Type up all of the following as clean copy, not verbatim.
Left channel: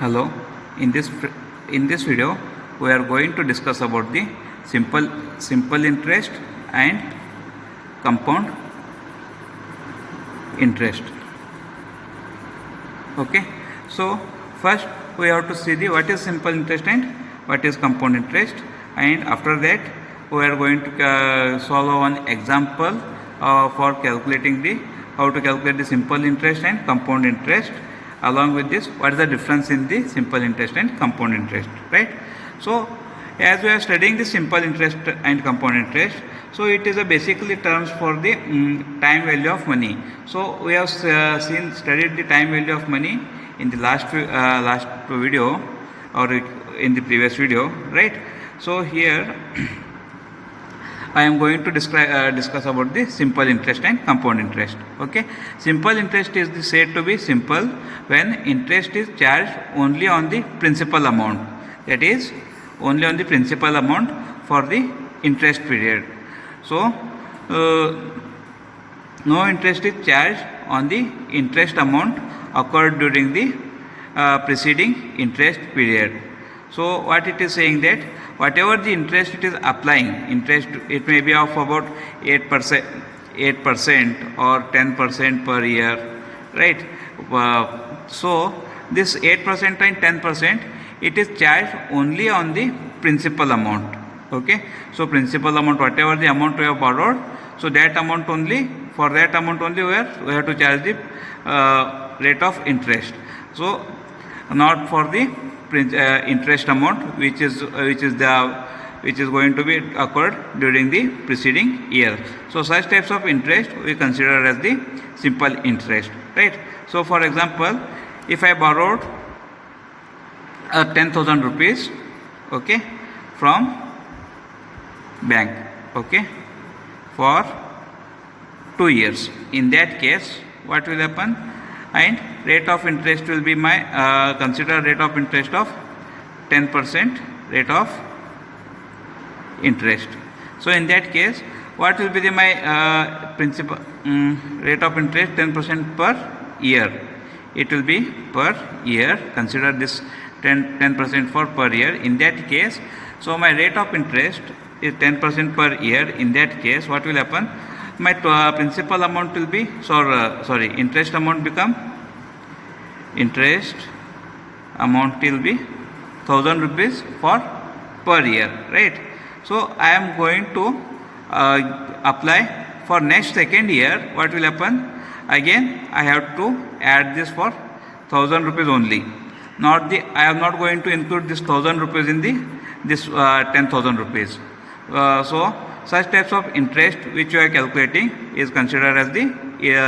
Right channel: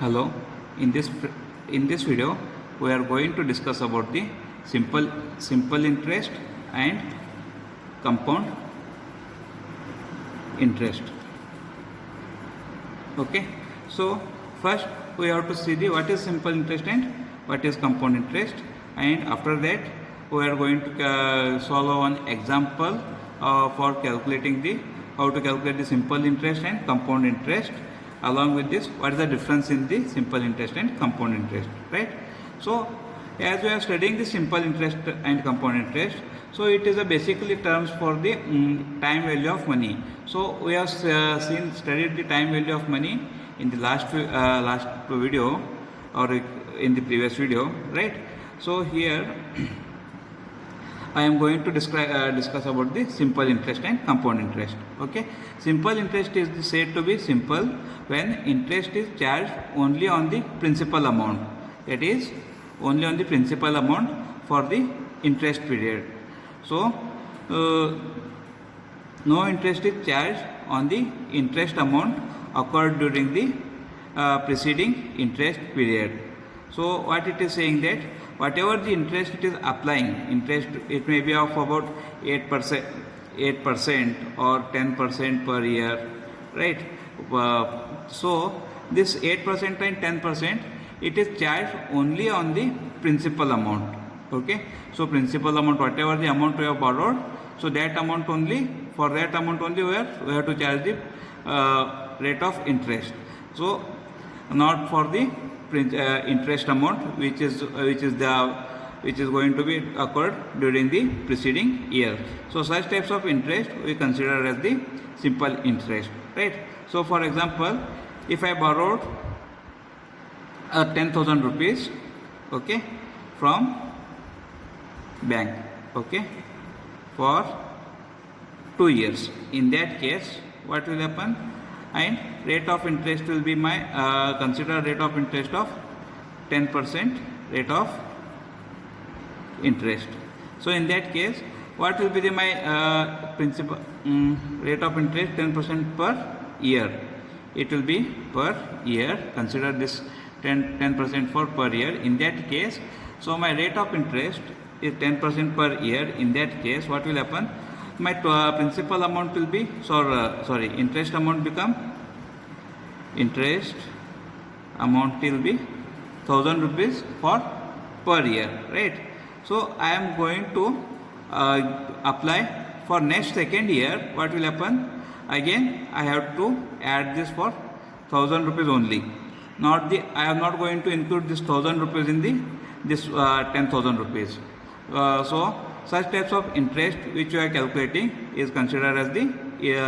Hello, in this video we are going to discuss about the simple interest and compound interest. Okay, so first we have to see the what is simple interest and what is compound interest, and after that we are going to solve one example for calculating the how to calculate the simple interest and compound interest. Along with this, what is the difference in the simple interest and compound interest, right? So as we are studying the simple interest and compound interest, so it is a basically terms for the time value of money. So we have studied the time value of money in the last video or in the previous video, right? So here I am going to discuss about the simple interest and compound interest. Okay, simple interest is said to be simple when interest is charged only on the principal amount, that is only on the principal amount for the interest period. So no interest is charged on the interest amount occurred during the preceding interest period. So what it is saying that whatever the interest it is applying, interest it may be of about 8% or 10% per year, right? So this 8% and 10% it is charged only on the principal amount. Okay, so principal amount, whatever the amount we have borrowed, so that amount only, for that amount only we have to charge the rate of interest. So not for the interest amount which is going to be occurred during the preceding year. So such types of interest we consider as the simple interest, right? So for example, if I borrowed 10,000 rupees, okay, from bank, okay, for 2 years, in that case what will happen? And rate of interest will be my consider rate of interest of 10% rate of interest. So in that case what will be my principal rate of interest? 10% per year, it will be per year. Consider this 10% for per year. In that case, so my rate of interest is 10% per year. In that case what will happen? My principal amount will be interest amount will be 1,000 rupees for per year, right? So I am going to apply for next second year. What will happen? Again I have to add this for 1,000 rupees only. I am not going to include this 1,000 rupees in this 10,000 rupees. So such types of interest which you are calculating is considered as the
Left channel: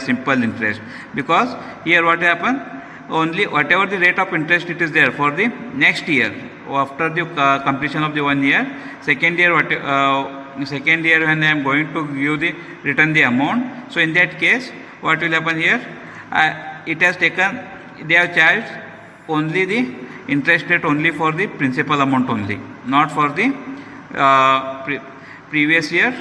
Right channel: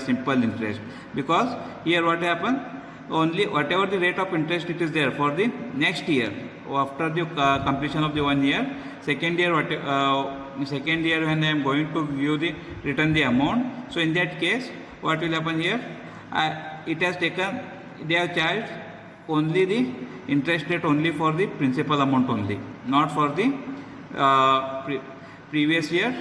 simple interest, because here what happen? Only whatever the rate of interest it is there for the next year after the completion of the 1 year, second year when I am going to return the amount. So in that case what will happen here? They have charged only the interest rate only for the principal amount only, not for the previous year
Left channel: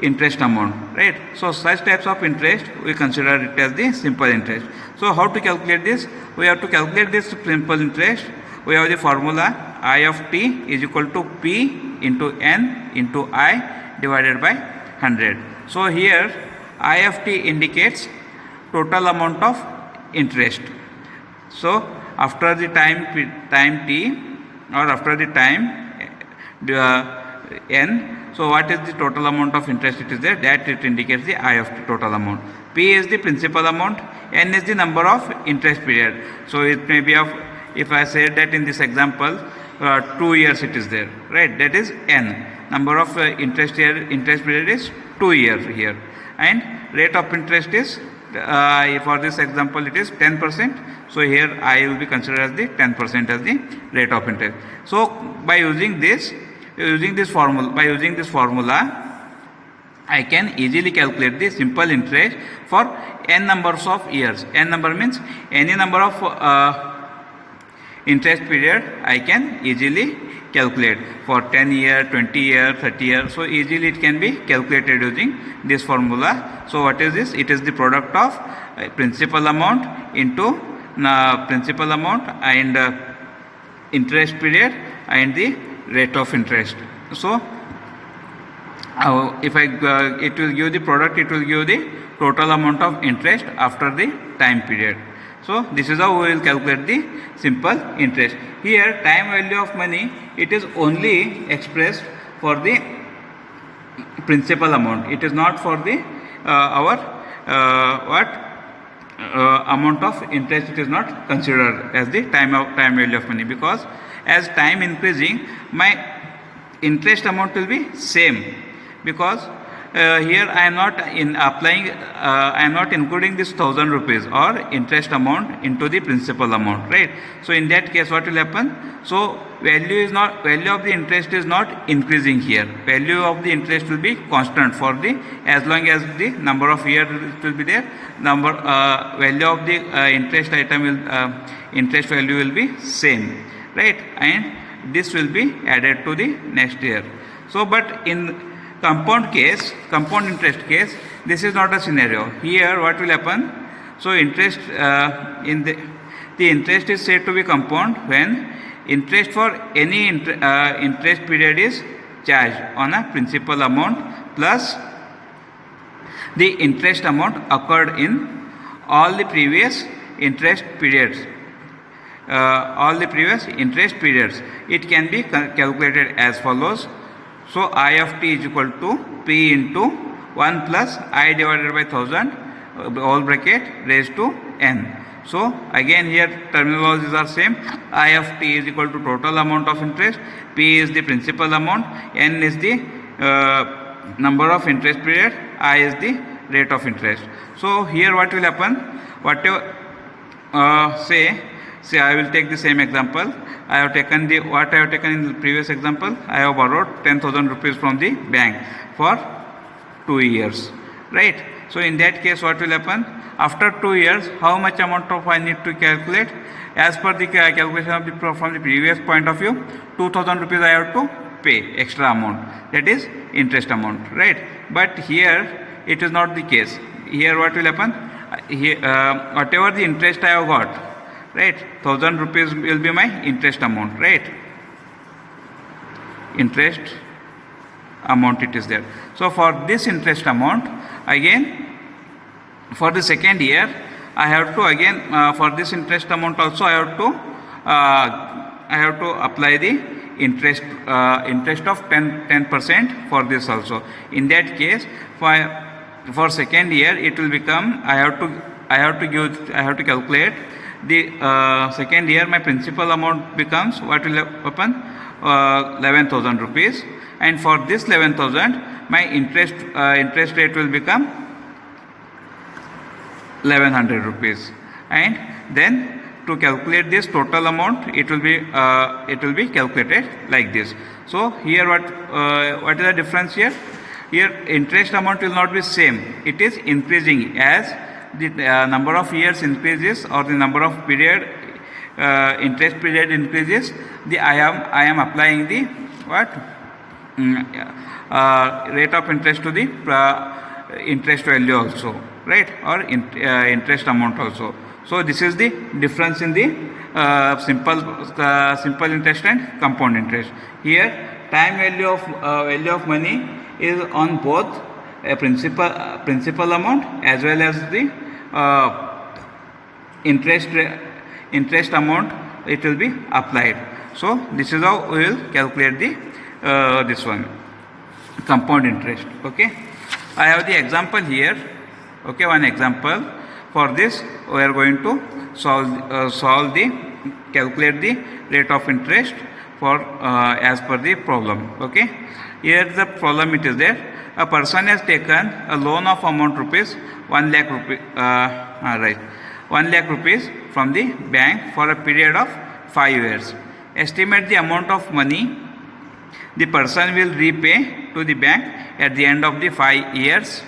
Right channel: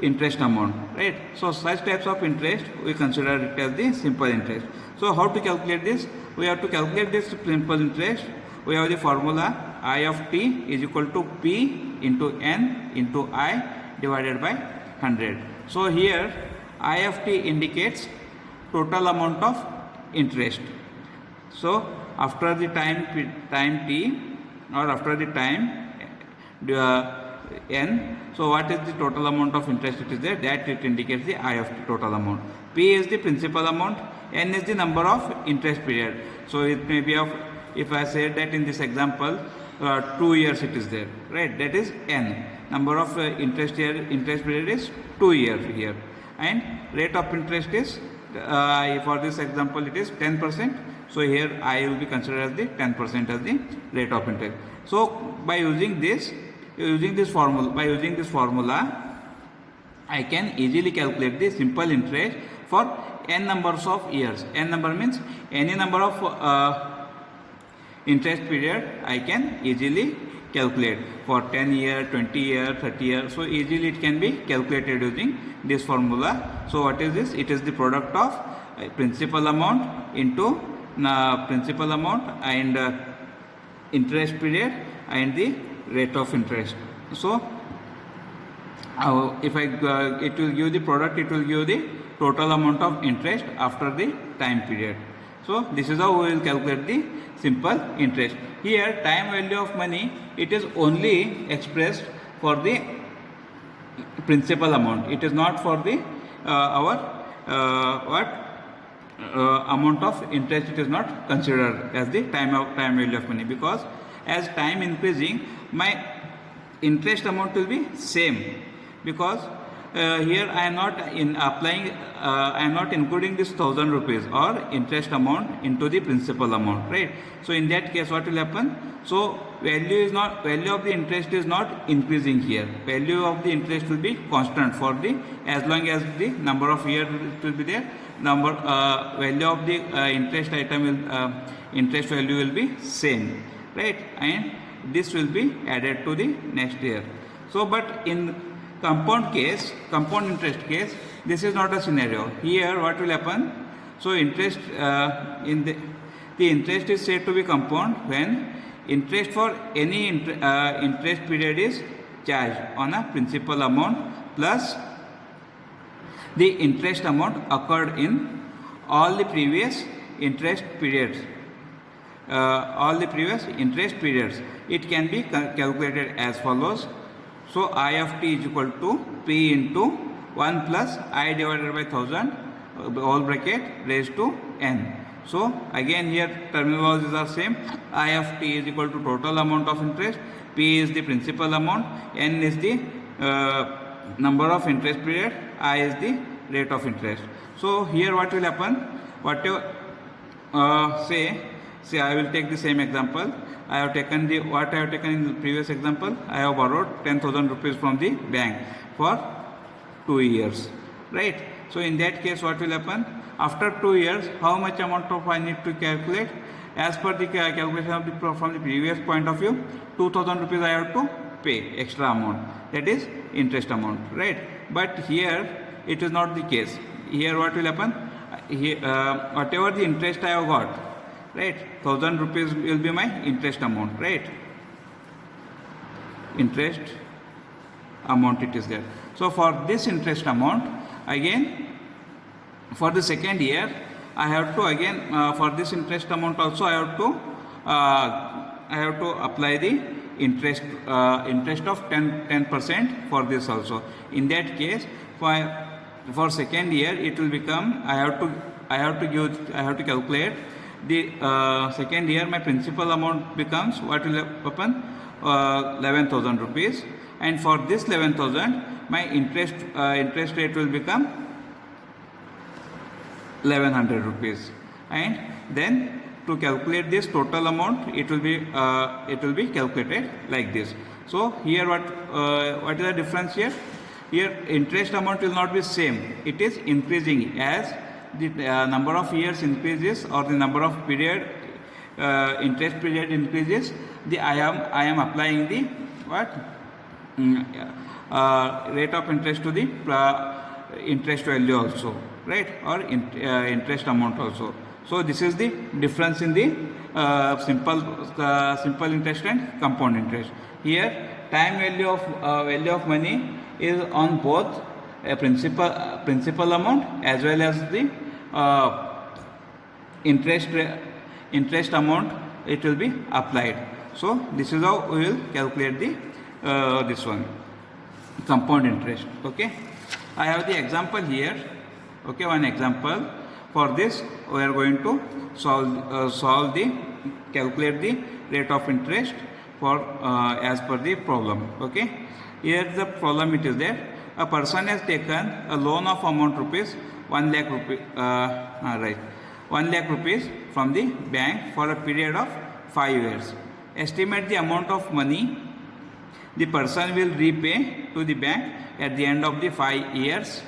interest amount, right? So such types of interest we consider it as the simple interest. So how to calculate this? We have to calculate this simple interest. We have the formula I of t is equal to p into n into I divided by 100. So here I of t indicates total amount of interest. So after the time t or after the time n, so what is the total amount of interest it is there, that it indicates the I of t total amount. P is the principal amount, n is the number of interest period. So it may be of, if I say that in this example 2 years it is there, right? That is n. Number of interest period is 2 years here, and rate of interest is for this example it is 10%. So here I will be considered as the 10% as the rate of interest. So by using this formula I can easily calculate the simple interest for n numbers of years. N number means any number of interest period I can easily calculate for 10 year, 20 year, 30 year. So easily it can be calculated using this formula. So what is this? It is the product of principal amount into principal amount and interest period and the rate of interest. So if it will give the product, it will give the total amount of interest after the time period. So this is how we will calculate the simple interest. Here time value of money, it is only expressed for the principal amount. It is not for the our amount of interest. It is not considered as the time value of money, because as time increasing, my interest amount will be same, because here I am not I am not including this 1000 rupees or interest amount into the principal amount, right? So in that case, what will happen? So value of the interest is not increasing here. Value of the interest will be constant for the as long as the number of years will be there. Value of the interest item will interest value will be same, right? And this will be added to the next year. So but in compound interest case, this is not a scenario. Here what will happen? So interest the interest is said to be compound when interest for any interest period is charged on a principal amount plus the interest amount occurred in all the previous interest periods. It can be calculated as follows. So I of t is equal to P into 1 plus I divided by 1000 whole bracket raised to n. So again here terminologies are same. I of t is equal to total amount of interest, P is the principal amount, n is the number of interest period, I is the rate of interest. So here what will happen? Whatever say I will take the same example. I have taken in the previous example. I have borrowed 10,000 rupees from the bank for 2 years, right? So in that case, what will happen? After 2 years, how much amount of I need to calculate? As per the calculation of from the previous point of view, 2,000 rupees I have to pay extra amount. That is interest amount, right? But here it is not the case. Here what will happen? Whatever the interest I have got, right, 1000 rupees will be my interest amount, right? Interest amount it is there. So for this interest amount, again for the second year, I have to again for this interest amount also I have to apply the interest of 10% for this also. In that case, for second year it will become I have to calculate the second year. My principal amount becomes what will happen? 11,000 rupees, and for this 11,000 my interest rate will become 1100 rupees, and then to calculate this total amount it will be calculated like this. So here what is the difference here? Here interest amount will not be same, it is increasing as the number of years increases or the number of interest period increases. I am applying the rate of interest to the interest value also, right, or interest amount also. So this is the difference in the simple interest and compound interest. Here time value of money is on both a principal amount as well as the interest amount it will be applied. So this is how we will calculate the this one, compound interest. Okay, I have the example here. Okay, one example. For this we are going to calculate the rate of interest for as per the problem. Okay, here the problem it is there. A person has taken a loan of amount rupees 1 lakh rupees, 1 lakh rupees from the bank for a period of 5 years. Estimate the amount of money the person will repay to the bank at the end of the 5 years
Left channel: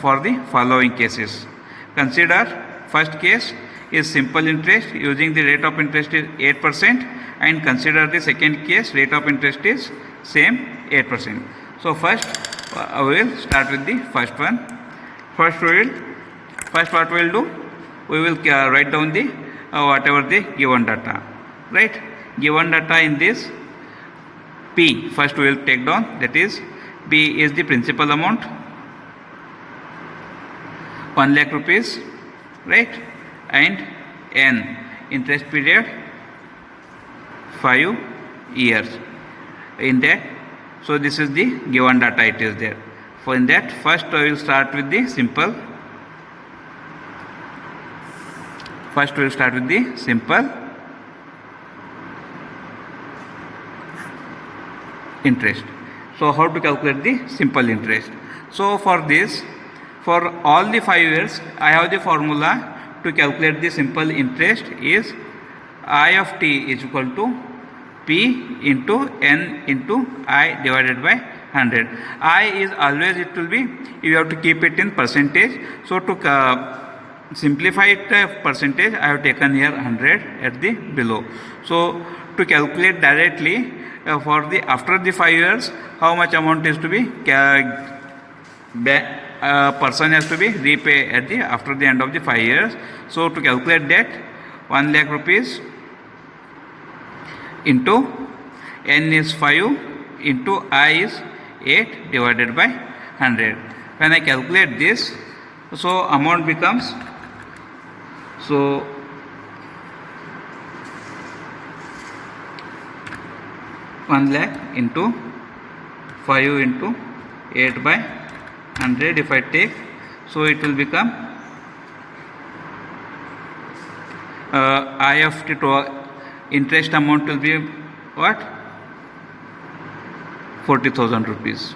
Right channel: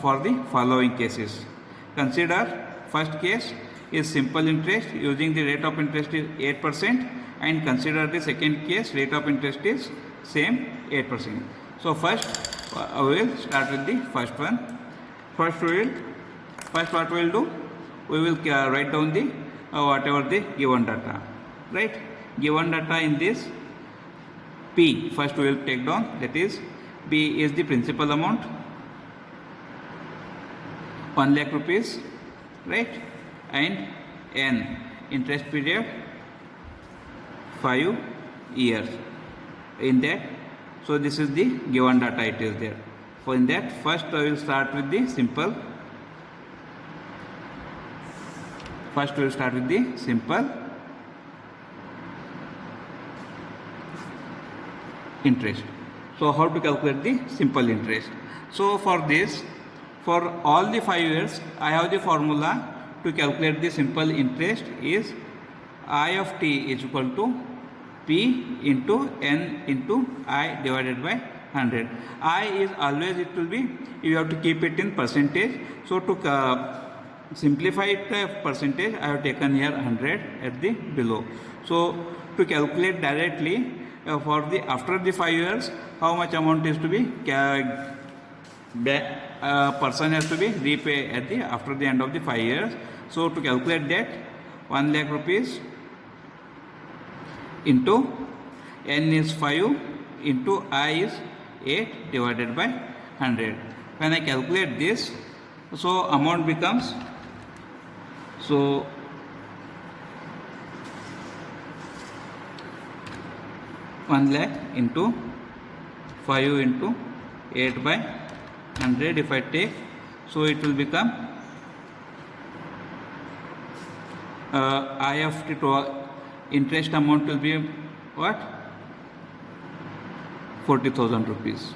for the following cases. Consider first case is simple interest using the rate of interest is 8%, and consider the second case rate of interest is same 8%. So first we will start with the first one. First what we will do, we will write down the whatever the given data, right? Given data in this P, first we will take down, that is P is the principal amount 1 lakh rupees, right? And N, interest period 5 years. In that, so this is the given data, it is there. For in that, first I will start with the simple. First we will start with the simple interest. So how to calculate the simple interest? So for this, for all the 5 years, I have the formula to calculate the simple interest is I of t is equal to P into N into I divided by 100. I is always, it will be, you have to keep it in percentage. So to simplify it percentage, I have taken here 100 at the below. So to calculate directly for the after the 5 years, how much amount is to be person has to be repay at the after the end of the 5 years. So to calculate that, 1 lakh rupees into N is 5 into I is 8 divided by 100. When I calculate this, so amount becomes, so 1 lakh into 5 into 8 by 100 if I take, so it will become I of t to interest amount will be what? 40,000 rupees.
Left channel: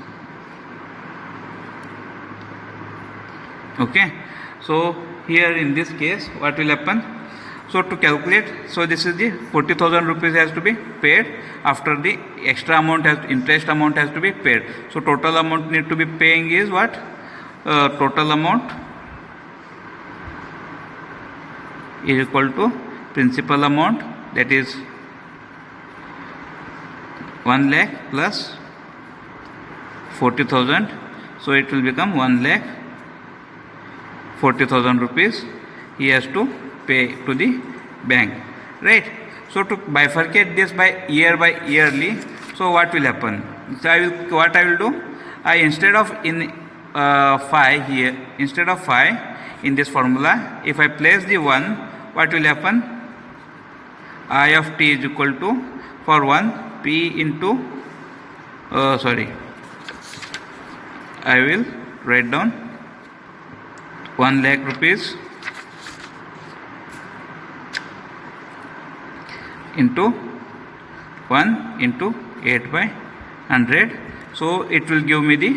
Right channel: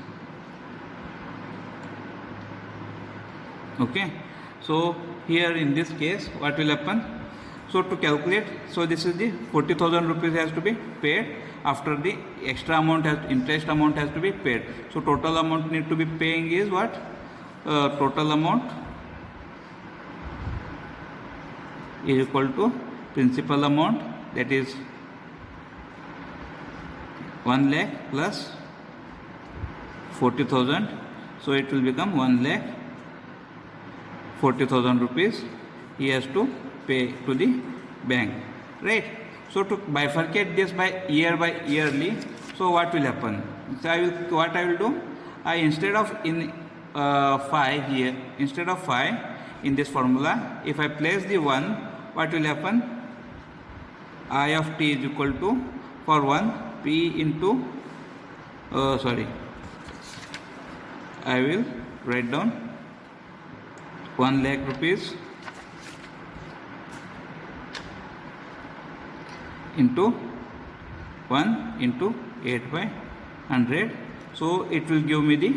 Okay, so here in this case what will happen? So to calculate, so this is the 40,000 rupees has to be paid, after the extra amount has, interest amount has to be paid. So total amount need to be paying is what? Total amount is equal to principal amount, that is 1 lakh plus 40,000. So it will become 1 lakh 40,000 rupees he has to pay to the bank, right? So to bifurcate this by yearly, so what will happen? So what I will do, I instead of in 5 here, instead of 5 in this formula, if I place the 1, what will happen? I of t is equal to, for 1, P into, I will write down 1 lakh rupees into 1 into 8 by 100. So it will give me the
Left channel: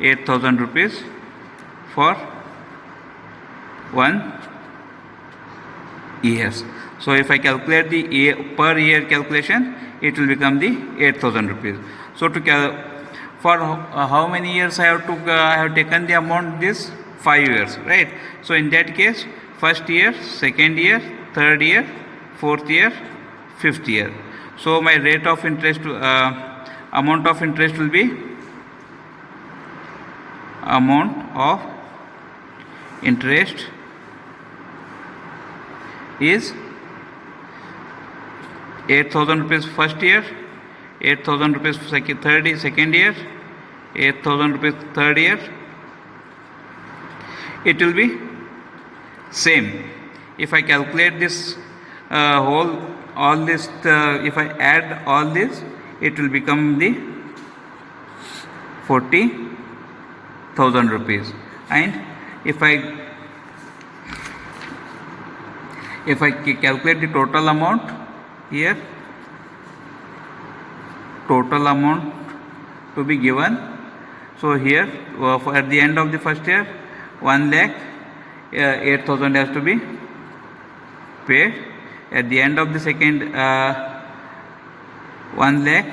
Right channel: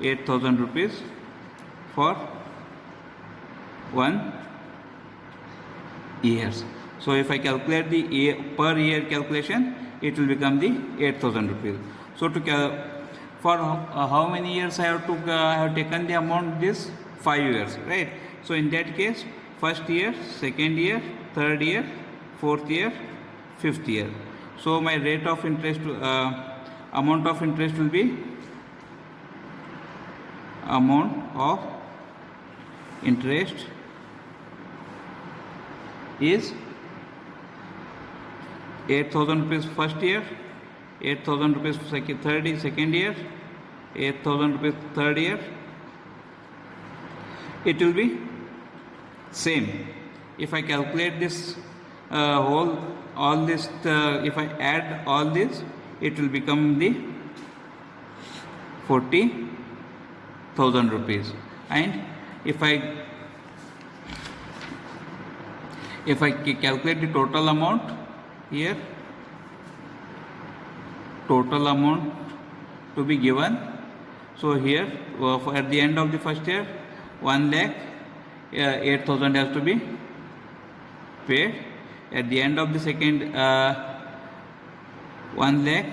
8,000 rupees for 1 years. So if I calculate the per year calculation, it will become the 8,000 rupees. So to for how many years I have taken the amount, this 5 years, right? So in that case, first year, second year, third year, fourth year, fifth year. So my rate of interest, amount of interest will be amount of interest is 8,000 rupees first year, 8,000 rupees second year, 8,000 rupees third year. It will be same. If I calculate this all this, if I add all this, it will become the 40,000 rupees. And if I calculate the total amount here, total amount to be given, so here at the end of the first year, 1 lakh 8,000 has to be paid. At the end of the second, 1 lakh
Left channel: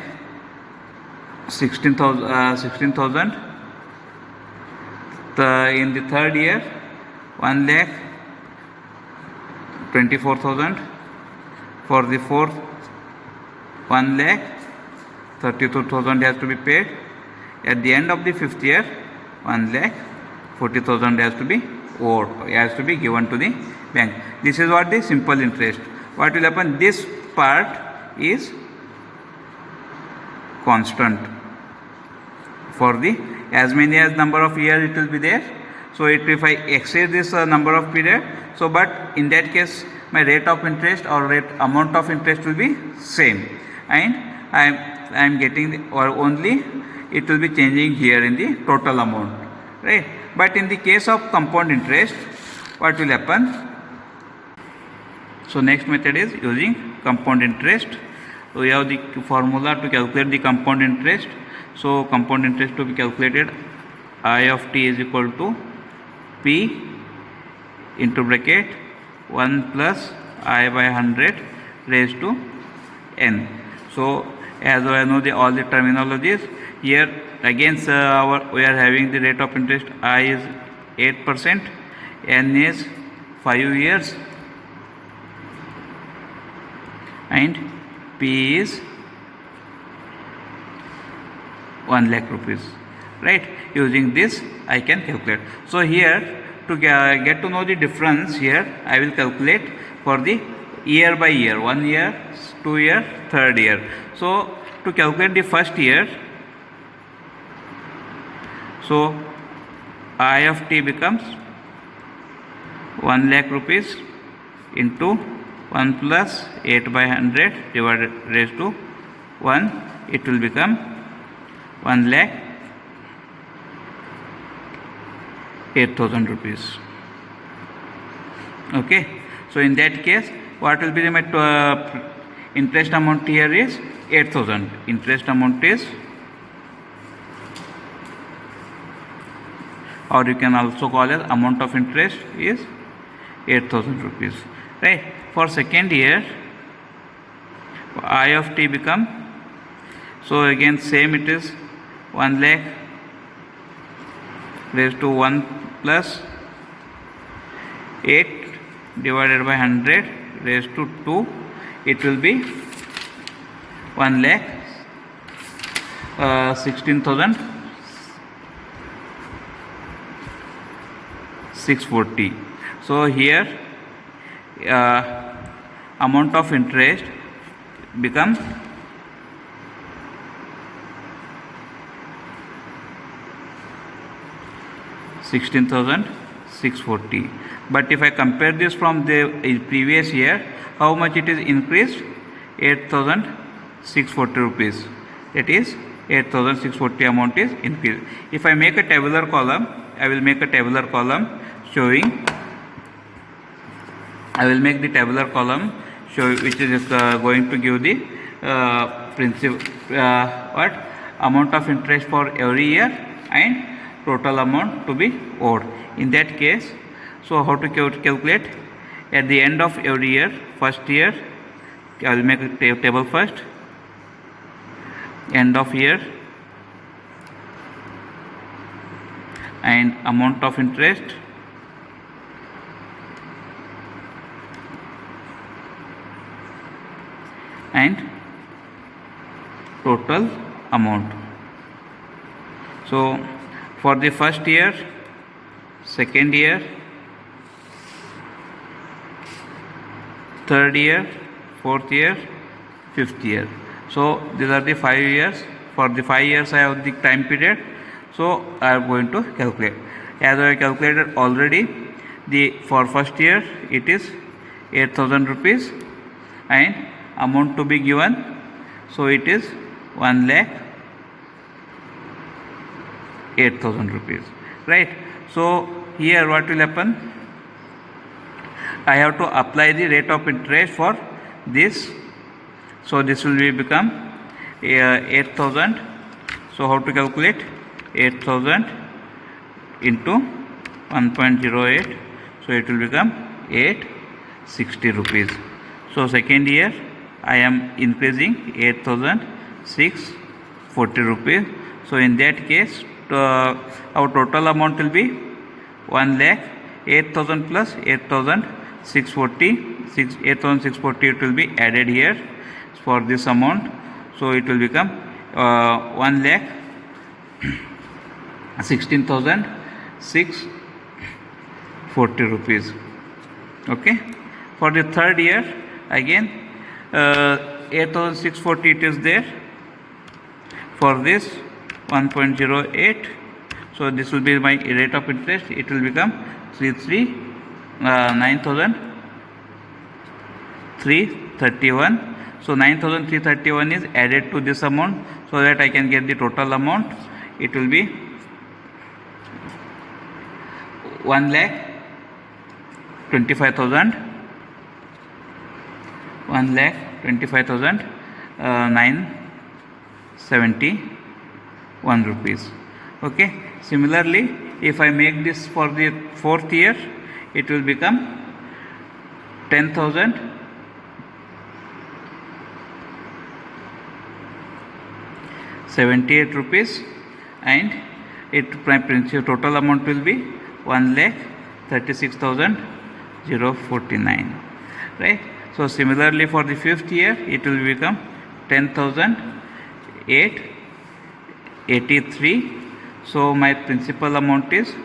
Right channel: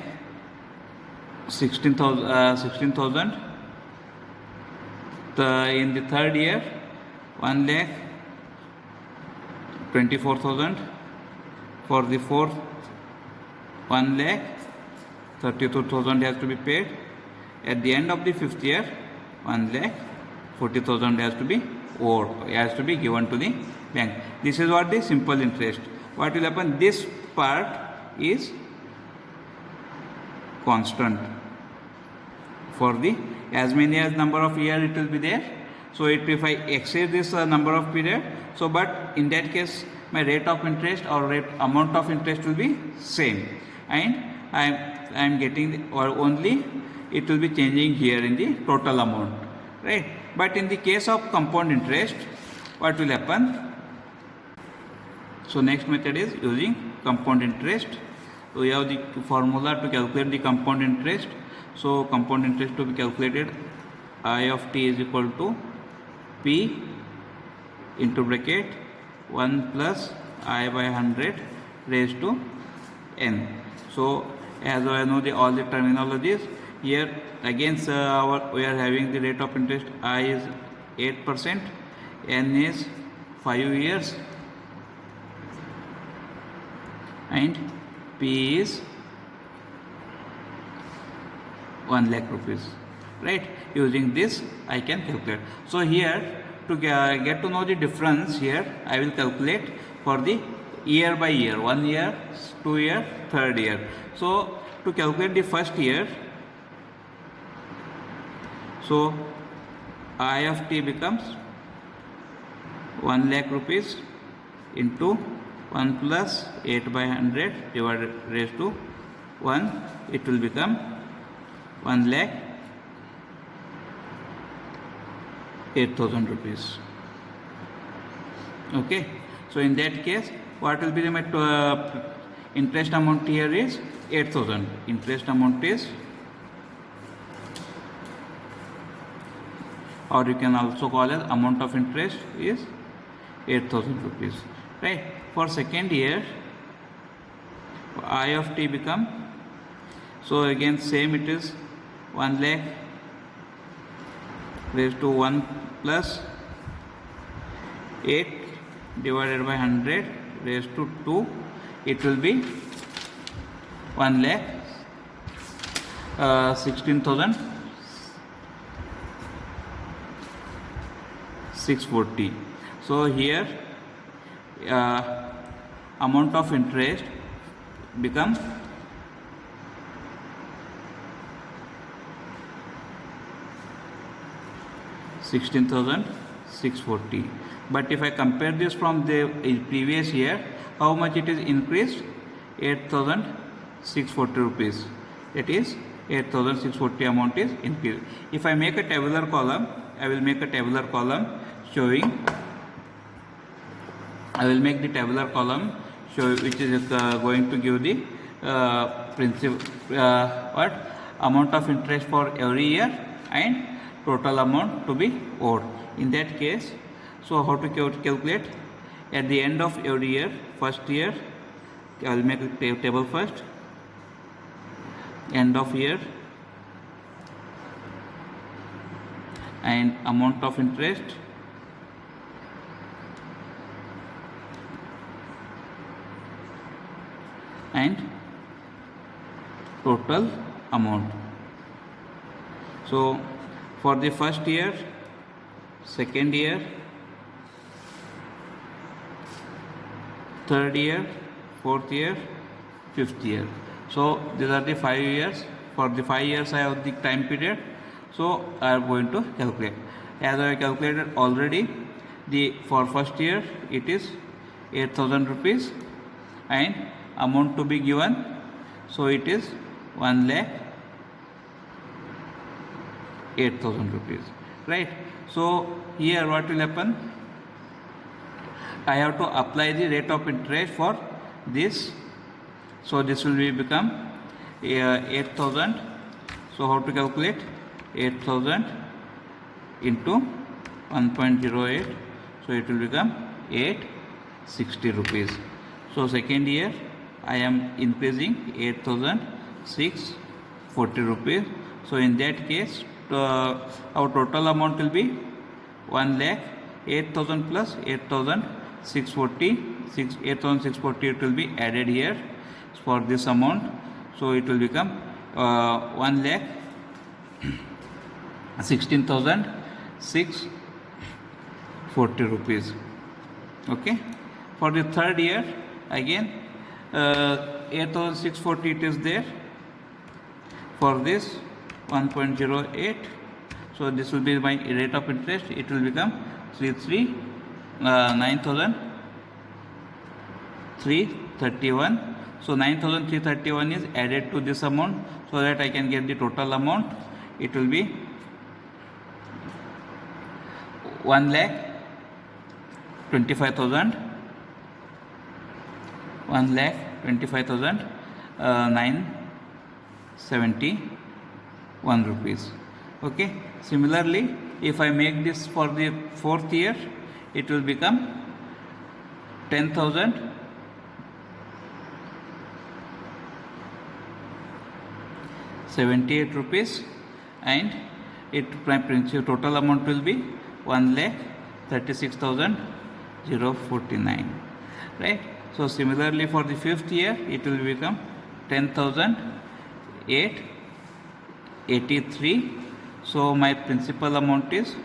16,000. In the third year, 1 lakh 24,000. For the fourth, 1 lakh 32,000 has to be paid. At the end of the fifth year, 1 lakh 40,000 has to be owed, has to be given to the bank. This is what the simple interest. What will happen? This part is constant for the as many as number of years it will be there. So if I exceed this number of period, so but in that case my rate of interest or rate amount of interest will be same, and I am getting or only it will be changing here in the total amount, right? But in the case of compound interest, what will happen? So next method is using compound interest. We have the formula to calculate the compound interest. So compound interest to be calculated, I of t is equal to P into bracket 1 plus I by 100 raised to n. So as I know all the terminologies, here again we are having the rate of interest. I is 8%, n is 5 years, and P is 1 lakh rupees, right? Using this I can calculate. So here to get to know the difference, here I will calculate for the year by year, 1 year, 2 year, 3rd year. So to calculate the first year, so I of t becomes 1 lakh rupees into 1 plus 8 by 100 divided raised to 1, it will become 1 lakh 8,000 rupees. Okay, so in that case what will be the interest amount here is 8,000. Interest amount is, or you can also call as amount of interest is 8,000 rupees, right? For second year, I of t become, so again same, it is 1 lakh raised to 1 plus 8 divided by 100 raised to 2, it will be 1 lakh 16,640. So here amount of interest become 16,640. But if I compare this from the previous year, how much it is increased? 8,640 rupees. That is 8,640 amount is increased. If I make a tabular column, I will make a tabular column showing. I will make the tabular column which is going to give the principal amount of interest for every year and total amount to be owed. In that case, so how to calculate? At the end of every year, first year, I will make a table first. End of year and amount of interest and total amount. So for the first year, second year, third year, fourth year, fifth year. So these are the 5 years. For the 5 years I have the time period. So I am going to calculate. As I calculated already, for first year it is 8,000 rupees and amount to be given. So it is 1 lakh 8,000 rupees, right? So here what will happen? I have to apply the rate of interest for this. So this will become 8,000. So how to calculate? 8,000 into 1.08. So it will become 860 rupees. So second year I am increasing 8,640 rupees. So in that case our total amount will be 1 lakh 8,000 plus 8,640. 8,640 it will be added here for this amount. So it will become 1 lakh 16,640 40 rupees. Okay. For the third year, again 8,640 it is there. For this 1.08, so this will be my rate of interest. It will become 9,331. So 9,331 is added to this amount, so that I can get the total amount. It will be 1,25,000, 971 rupees. Okay. Similarly, if I make this for the fourth year, it will become 10,078 rupees, and my principal total amount will be 1,36,049. Right. So similarly, for the fifth year, it will become 10,883. So my principal amount is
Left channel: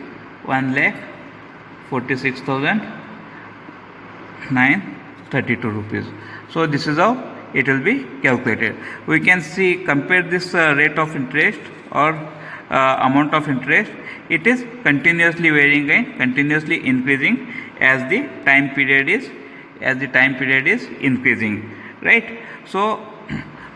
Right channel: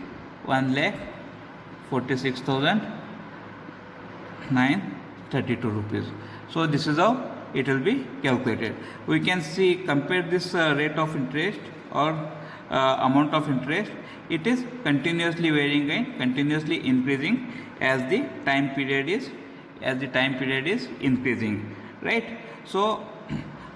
1,46,932 rupees. So this is how it will be calculated. We can see, compare this rate of interest or amount of interest. It is continuously varying and continuously increasing as the time period is increasing, right? So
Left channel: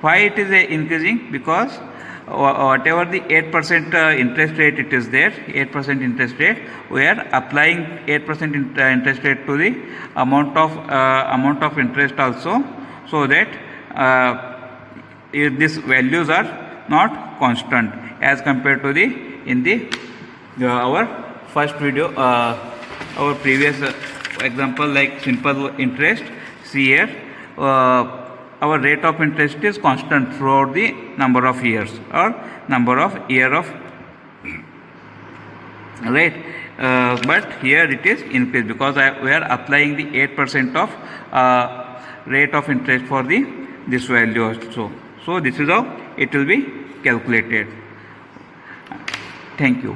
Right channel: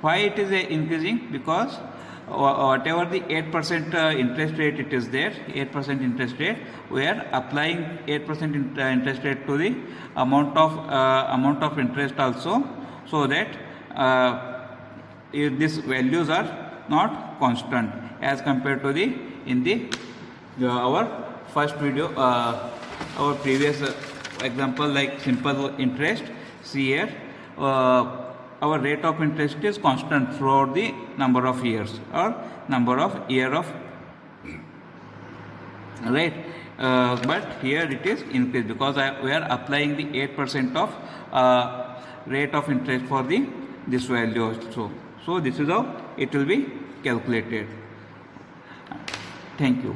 why it is increasing? Because whatever the 8% interest rate it is there, 8% interest rate, we are applying 8% interest rate to the amount of interest also, so that these values are not constant as compared to the our first video, our previous example, like simple interest. See here, our rate of interest is constant throughout the number of years or number of year of, right? But here it is increased because we are applying the 8% of rate of interest for this value also. So this is how it will be calculated. Thank you.